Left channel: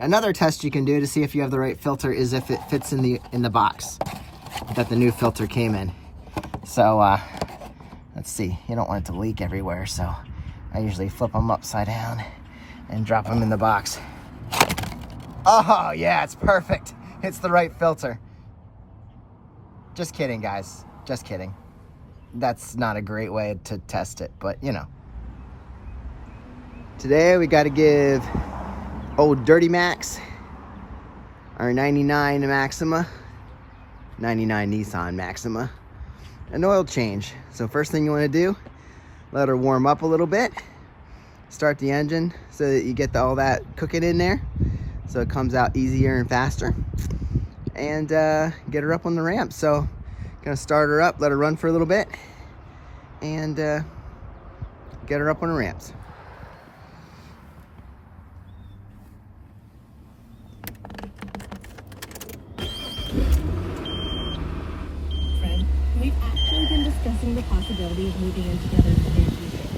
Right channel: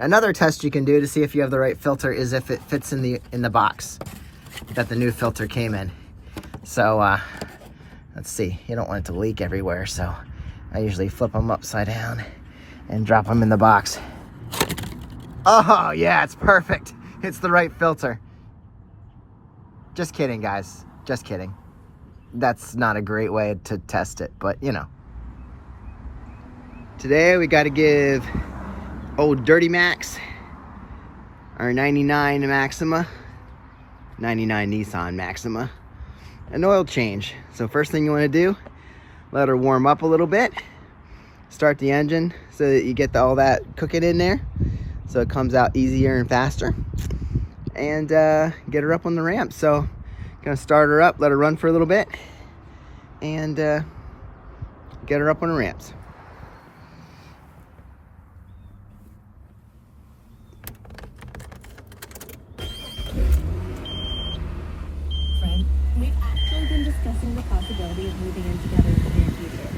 Another test you can do to see if you have the right filter is if it fits in the box that the new filter came in. So let's see, you don't want it to leak everywhere, so I usually flip them upside down and drop them in the box. Oh yeah, it's perfect. It's the right filter. Just kidding, guys, just kidding. That's not a great way to test it, but you know. Today we got to give old Dirty Max, our 99 Maxima, 99 Nissan Maxima, an oil change. So first thing you want to do, let her warm up a little bit, start the engine so that you get all that cooking in there so it comes out easier and faster, and get her up on the ramp. So gonna start her up, let her run for a little bit, and get her up on the ramps. We've actually been discussing the possibility of moving in together in the near future.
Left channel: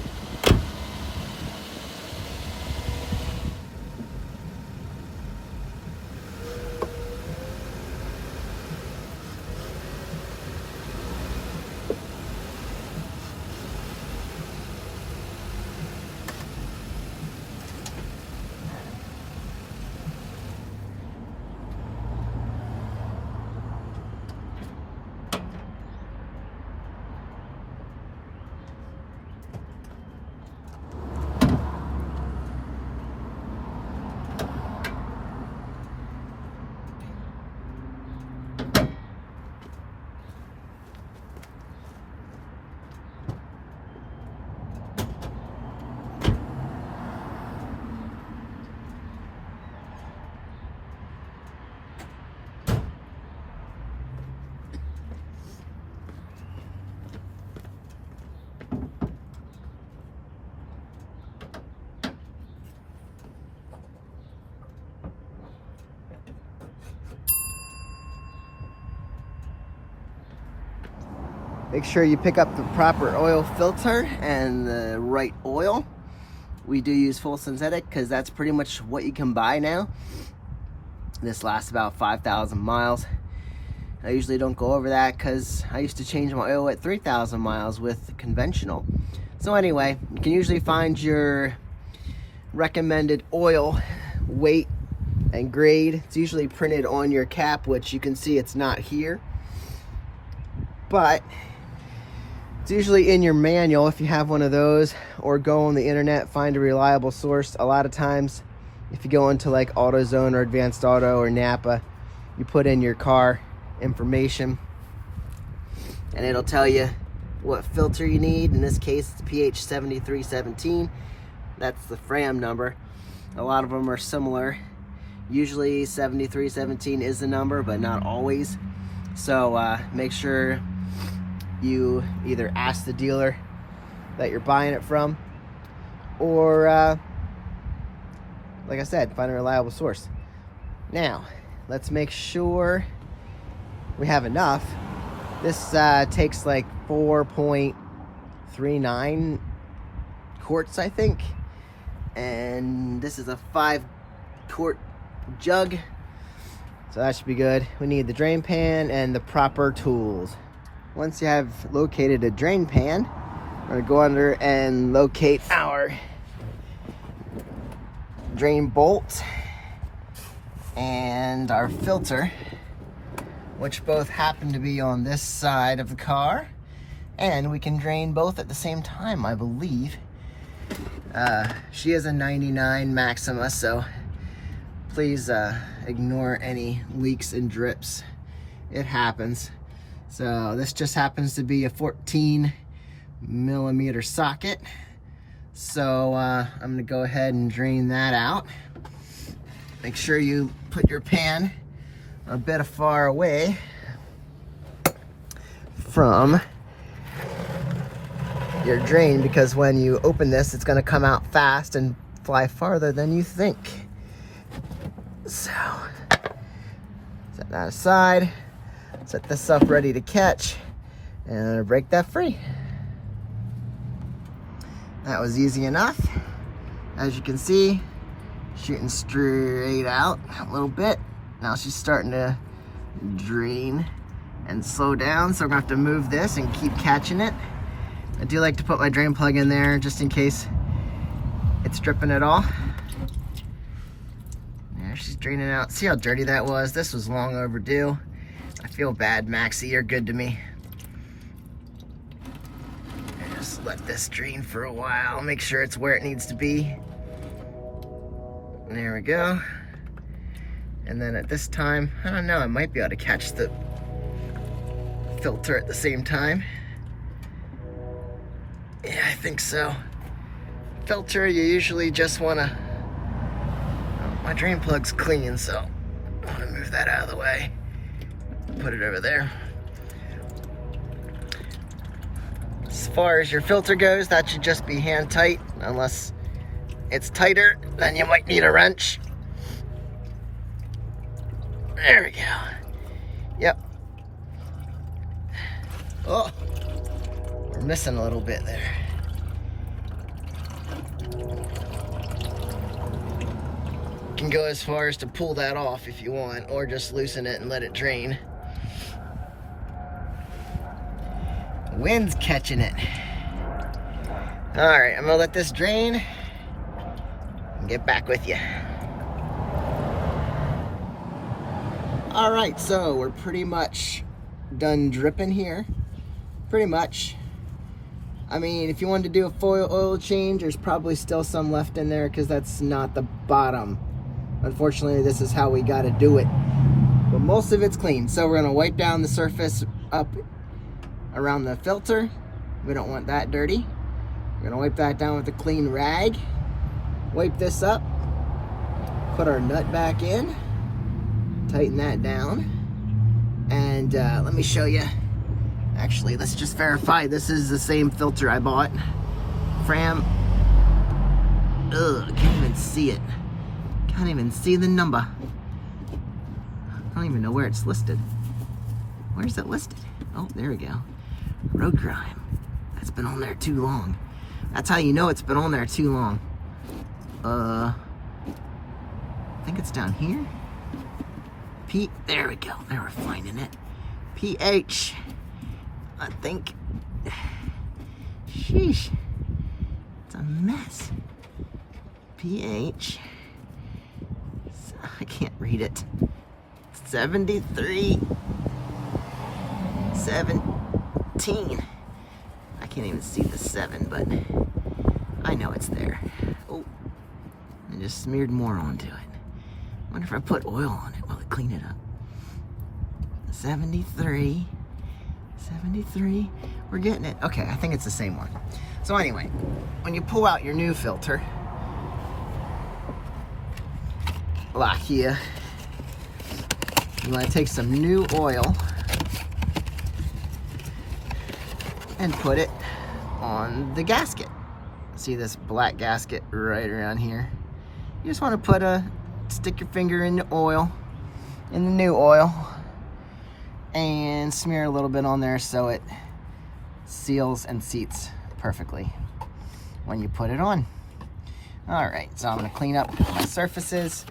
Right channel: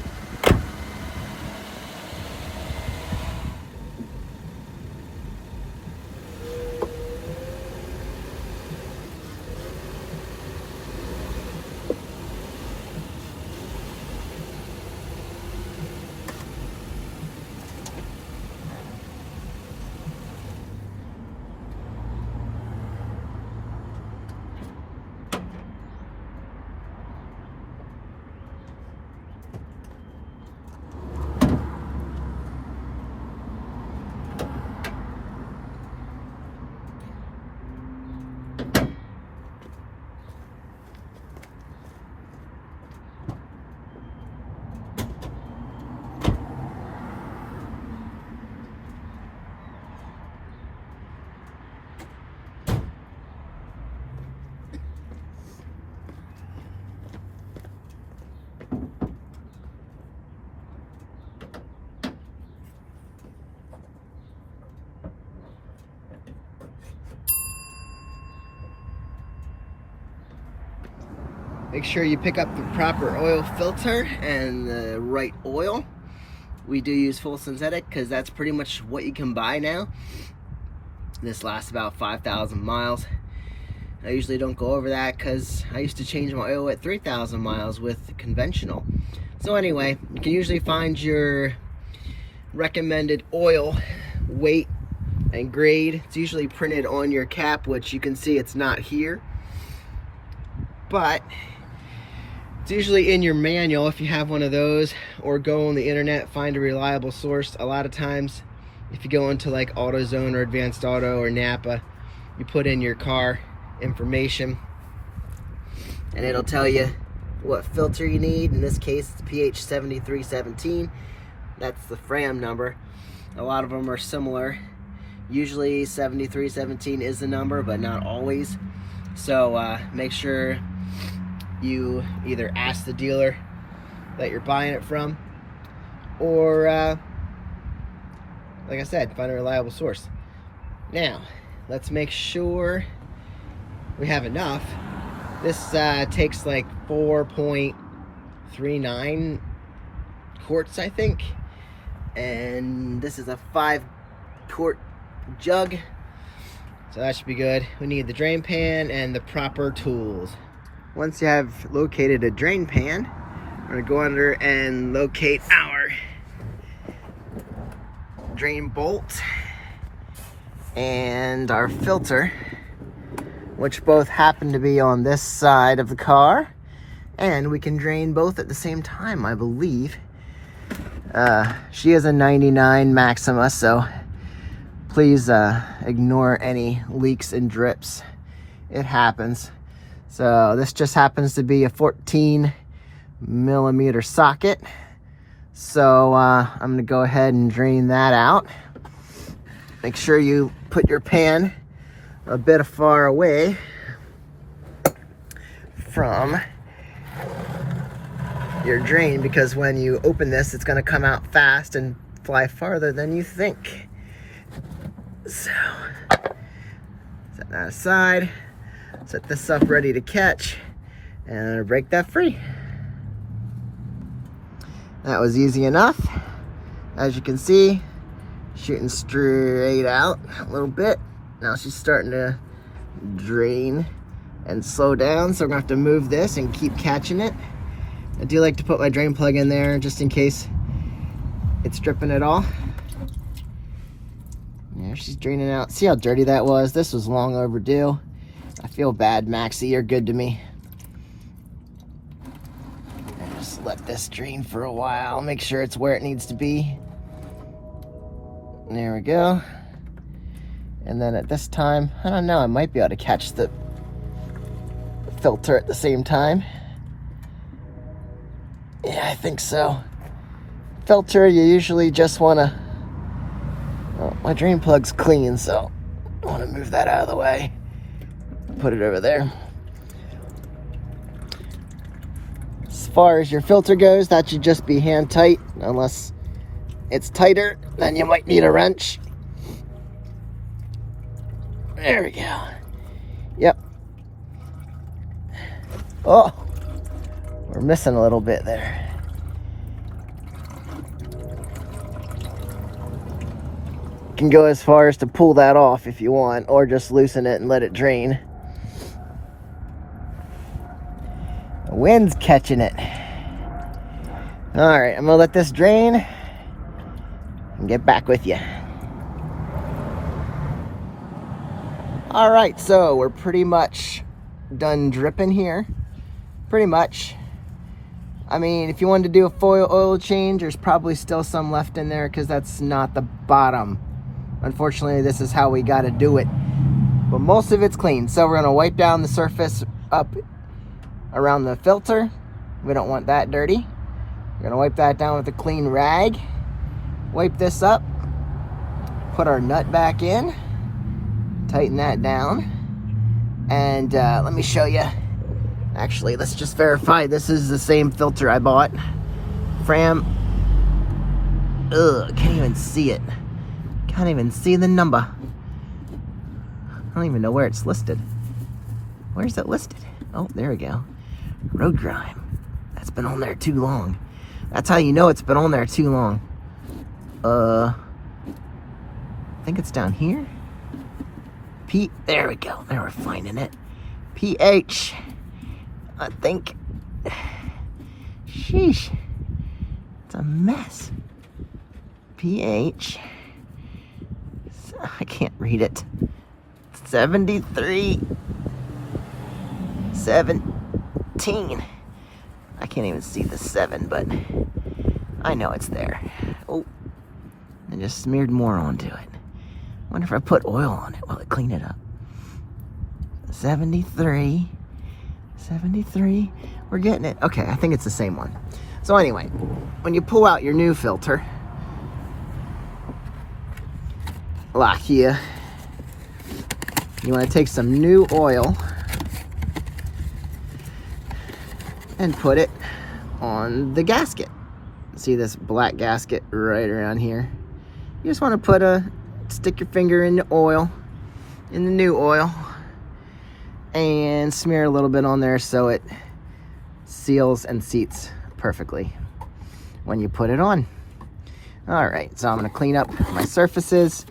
Make sure you pick up the proper oil filter and the right oil. We do use full synthetic because that's pretty much what you can buy now. This lasts about 5,000 miles. I usually don't go over that because I used to change my oil at 3,000 miles with conventional. So anyway, you can usually find your recommended oil weight and grade. It's usually printed on your cap, which you can see it's not here, but it's usually in your manual if you have one of those, or go on the internet, find a reliable source. A lot of times, if you go into like AutoZone or Advanced Auto or Napa, you put in your car information and it'll tell you what filter you need. In this case, it's PH 7317. That's the FRAM number. A lot of them are similar. Usually 7317 is the number, but not always. So make sure you either ask the dealer that you're buying it from, or like I said, find a reliable source. Now, let's make sure we have enough. This takes like 4.39 quarts, I think, and this is a 5-quart jug, so that should be good. We need the drain pan and the proper tools. Once you have located a drain pan, we're gonna go under and locate our drain bolt and our filter, which both happen to be on this side of the car, and we can drain both at the same time, I believe. She is a 99 Maxima, so please ignore any leaks and drips. It happens. So this just happens to be a 14mm socket. So I'm gonna go ahead and drain that out. Make sure you put your pan a bit far away from your drain, because when you open this, it's gonna come out fast and fly farther than you think. So set that aside. Set this up ready to catch and break that free. That was easy enough. As you can see, shooting straight out a little bit. Now she's starting to drain and slow down, so we're gonna have to move this and keep catching it. I do like to put my drain plug in there just in case it's dripping at all. There, she's draining out. See how dirty that was? This was long overdue. I feel bad, Maxie, you're good to me. Just let this drain for a while, make sure it's where it needs to be. There we go. And then at this time, I don't know, I might be able to catch the filter at the same time. Yeah, I think so. Filter, you usually just want to... Oh, my drain plug's clean, so I want to move that out of the way. Put it over there. As far as your filter goes, that should just be hand tight, unless it's tighter, then you might need a wrench. There we go. Yep. Oh, we're missing a little bit there. You can go as far as to pull that off if you want, or just loosen it and let it drain. The wind's catching it. All right, I'm gonna let this drain and get back with you. All right, so we're pretty much done dripping here. Pretty much. I mean, if you wanted to do a full oil change, there's probably still some left in there because that's not the bottom. Unfortunately, this is how we got to do it. But most of it's clean. So we're gonna wipe down the surface up around the filter. We don't want that dirty. We're gonna wipe that down with a clean rag. Wipe this up. Put our nut back in. Tighten that down. And let me show you. Actually, let's just verify this is the same filter I bought. Fram. Ugh, can't even see it. Can't even see the number. I don't even know where it's listed. Where's it listed? Oh, there we go. Road grime. That's been on there too long. That's how you know it's been on there too long. I think it's down here. There we go. There, we're finding it. pH. I think. Sheesh. It's a mess. pH. I can't read it. 73. 17. I can't even see the 7, but I know it's there. Oh, I just smeared more onto it. Wonder if I put oil on it, will it clean it up? 73. 73. We're getting it. Okay, I think it's the same one. So anyway, when you pull out your new filter, like here, you want to take some new oil and put it on the gasket. See this black gasket right around here? You just want to stick your finger in the oil, in the new oil, and smear a little bit on there so it seals and seats perfectly when you put it on. All right, so I'm gonna clean up my surfaces,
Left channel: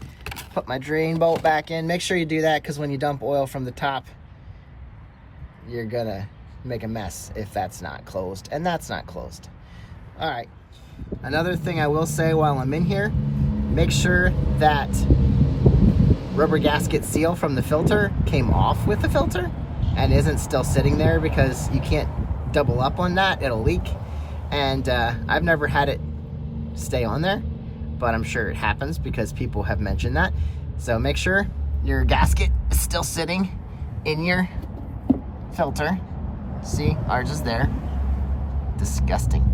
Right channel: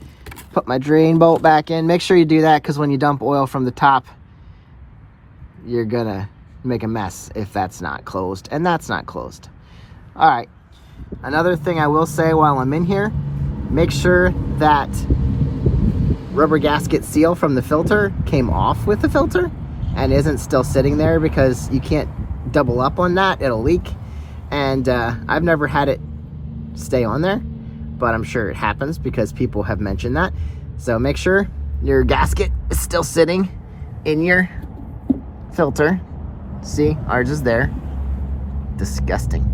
put my drain bolt back in. Make sure you do that because when you dump oil from the top, you're gonna make a mess if that's not closed, and that's not closed. All right, another thing I will say while I'm in here, make sure that rubber gasket seal from the filter came off with the filter and isn't still sitting there, because you can't double up on that, it'll leak. And I've never had it stay on there, but I'm sure it happens because people have mentioned that. So make sure your gasket is still sitting in your filter. See, ours is there. Disgusting.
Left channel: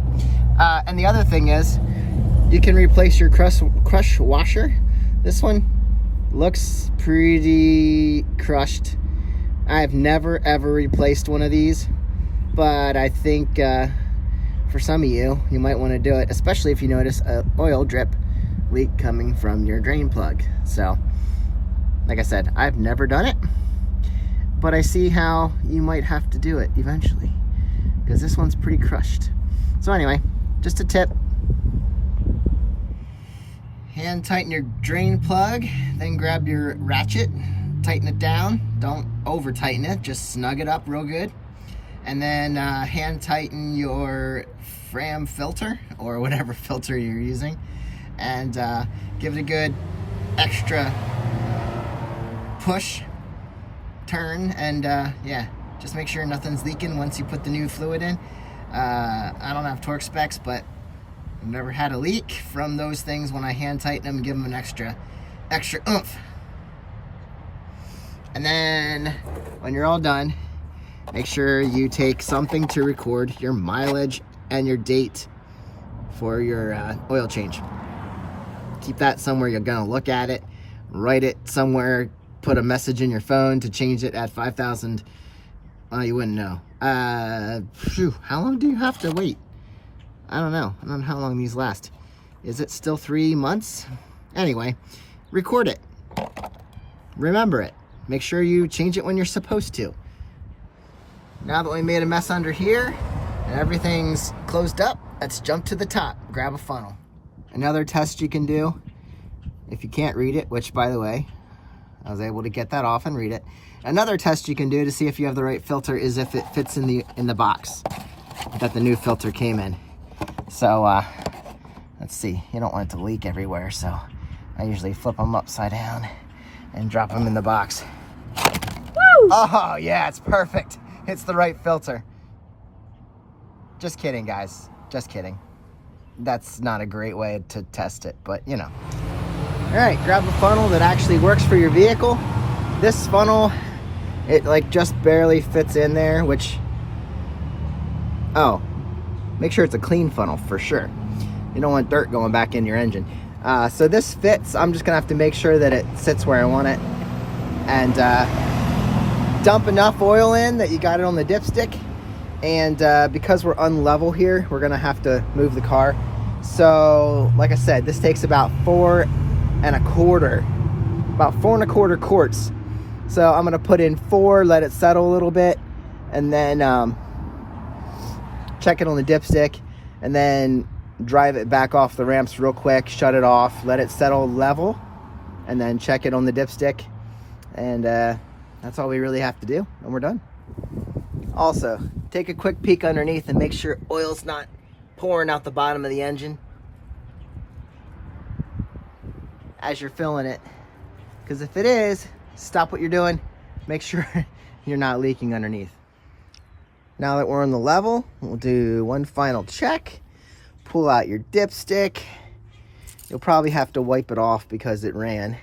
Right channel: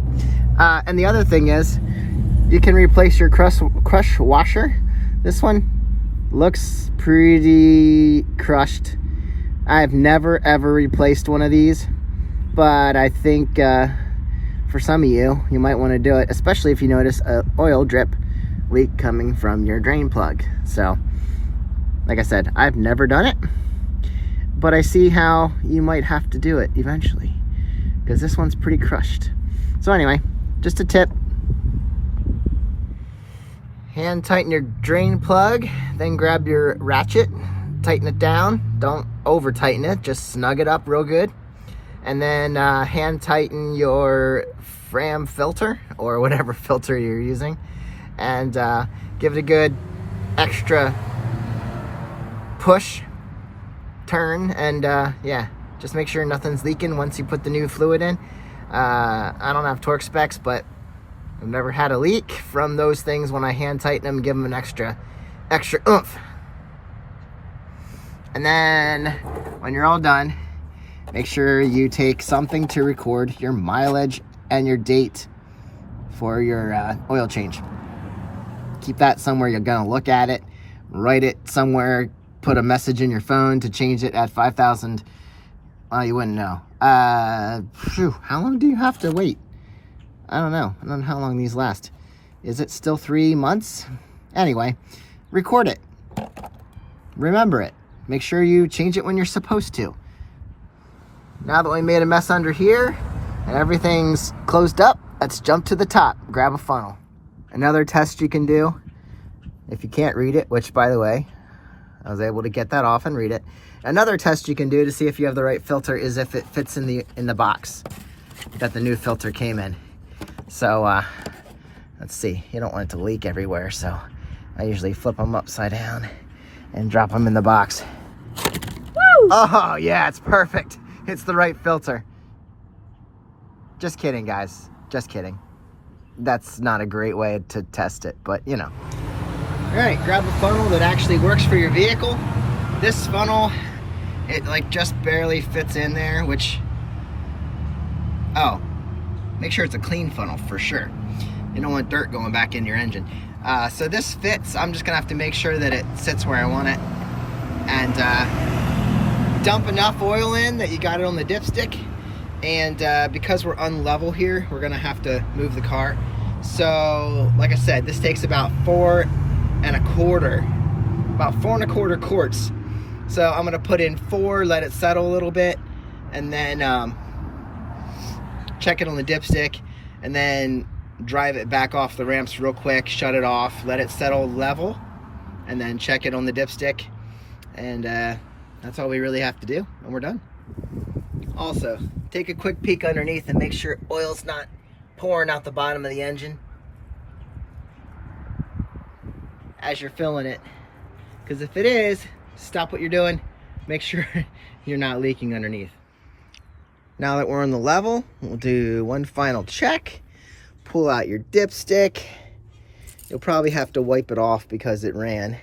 And the other thing is, you can replace your crush washer. This one looks pretty crushed. I've never ever replaced one of these, but I think for some of you might want to do it, especially if you notice an oil drip leak coming from your drain plug. So, like I said, I've never done it, but I see how you might have to do it eventually, because this one's pretty crushed. So anyway, just a tip. Hand tighten your drain plug, then grab your ratchet, tighten it down. Don't over tighten it, just snug it up real good. And then hand tighten your Fram filter or whatever filter you're using, and give it a good extra push, turn, and yeah, just make sure nothing's leaking once you put the new fluid in. I don't have torque specs, but I've never had a leak from those things when I hand tighten them and give them an extra oomph. And then when you're all done, make sure you take something to record your mileage and your date for your oil change. Keep that somewhere you're gonna look at it. Write it somewhere. Put a message in your phone to change it at 5,000. You wouldn't know. How long do you have to wait? I don't know. I don't know how long these last. Is it still 3 months? Anyway, record it. Remember it. Make sure you change it when you're supposed to. Now that we made a mess under here and everything's closed up, let's jump to the top. Grab a funnel. Another test you can do, if you can't read it, which by the way, I was able to get that off and read it. Another test you can do to see if you have the right filter is if it fits in the box that the new filter came in. So let's see, you don't want it to leak everywhere, so I usually flip them upside down and drop them in the box. Woo! Oh yeah, it's perfect. It's the right filter. Just kidding, guys. Just kidding. That's not a great way to test it, but you know. All right, grab a funnel that actually works for your vehicle. This funnel, it like just barely fits in there, which, oh, make sure it's a clean funnel for sure. You don't want dirt going back in your engine. So this fits. I'm just gonna have to make sure that it sits where I want it, and dump enough oil in that you got it on the dipstick. And because we're unlevel here, we're gonna have to move the car. So like I said, this takes about 4 1/4 quarts. So I'm gonna put in 4, let it settle a little bit, and then check it on the dipstick, and then drive it back off the ramps real quick, shut it off, let it settle level, and then check it on the dipstick. And that's all we really have to do, and we're done. Also, take a quick peek underneath and make sure oil's not pouring out the bottom of the engine as you're filling it. Because if it is, stop what you're doing. Make sure you're not leaking underneath. Now that we're on the level, we'll do one final check. Pull out your dipstick. You'll probably have to wipe it off because it ran.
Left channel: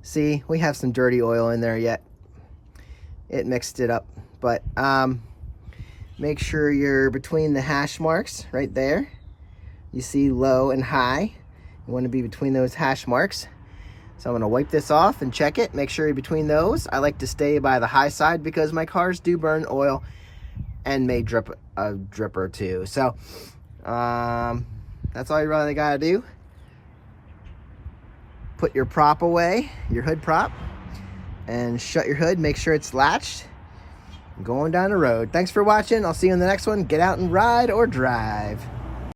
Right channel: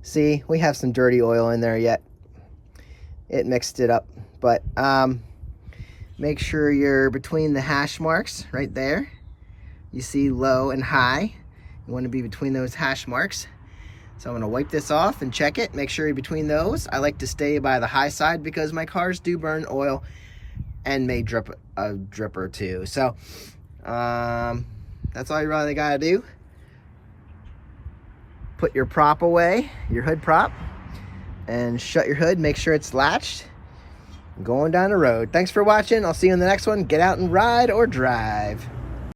See, we have some dirty oil in there yet. It mixed it up. But make sure you're between the hash marks right there. You see low and high. You want to be between those hash marks. So I'm going to wipe this off and check it. Make sure you're between those. I like to stay by the high side because my cars do burn oil and may drip a drip or two. So that's all you really got to do. Put your prop away, your hood prop, and shut your hood. Make sure it's latched. Going down the road. Thanks for watching. I'll see you in the next one. Get out and ride or drive.